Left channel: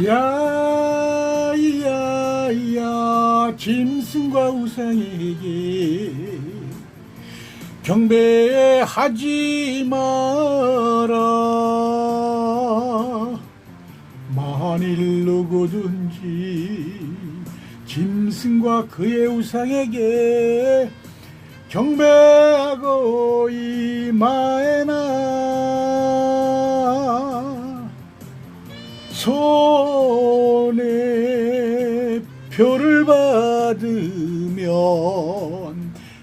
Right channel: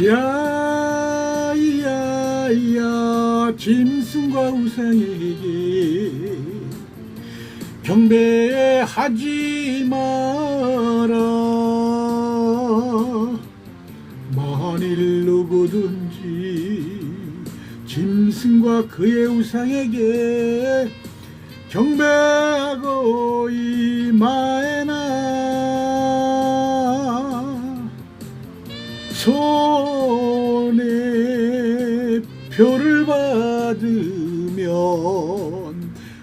야 야 야 짐승과 우상에게 경배하지 마라. 만일 누구든지 짐승과 그의 우상에게 경배하고 이마에나. 손에 표를 받으면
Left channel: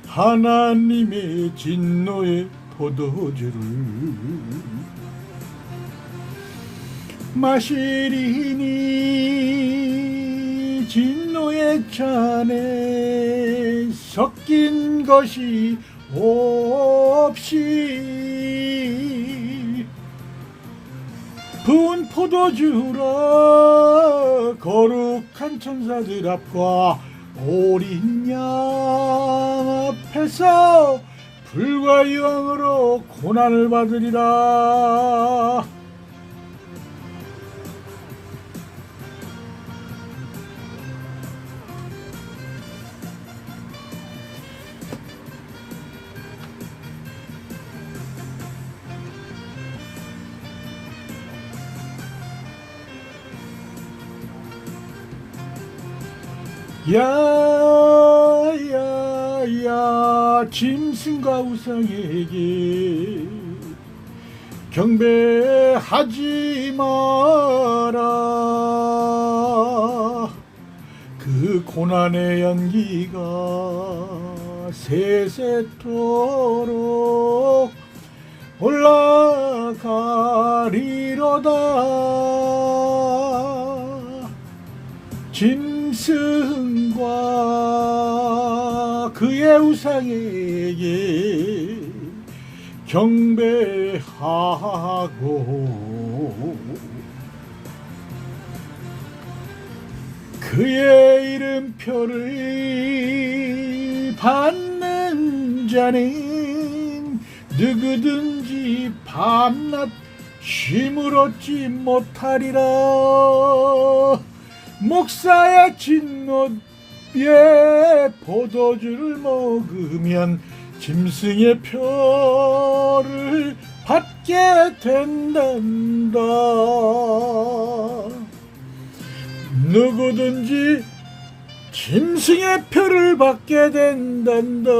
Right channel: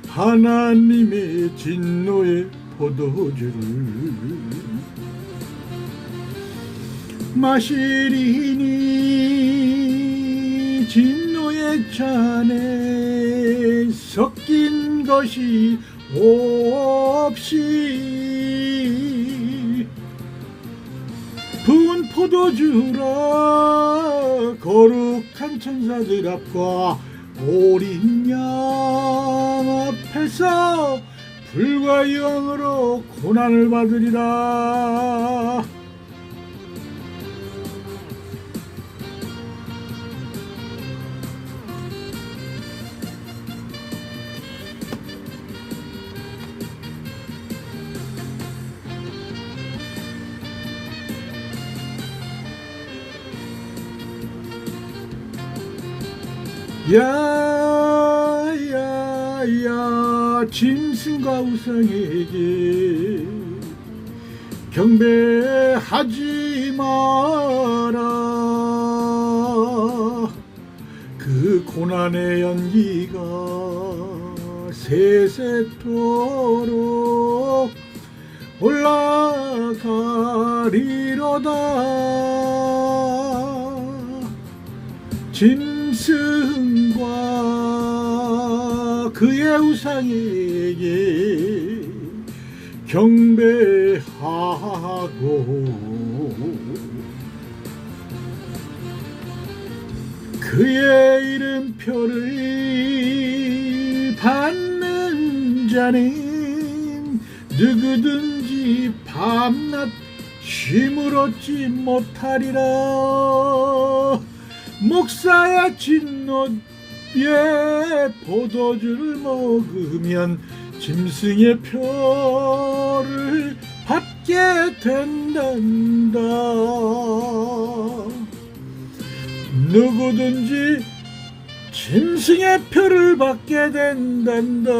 하나님의 진노의 포도주를 마시리니 진노의 잔에 섞인 것이 없이 부은 포도주라 거룩 한 천사들 앞과 어린 양 앞에서 불과 영으로 고난을 받으리라 야야야 짐승과 우상에게 경배하지 마라. 그 고난의 연기가 세세토록 올라가리로다 짐승과 그의 우상에게 경배하고 그의 이름표를 받는 자는 누구든지 밤낮 쉼을 얻지 못하리라 목사야 진노에 포도주를 먹으면 짐승의 표를 받게 된단다. 누구든지 짐승의 표를 받게 된단다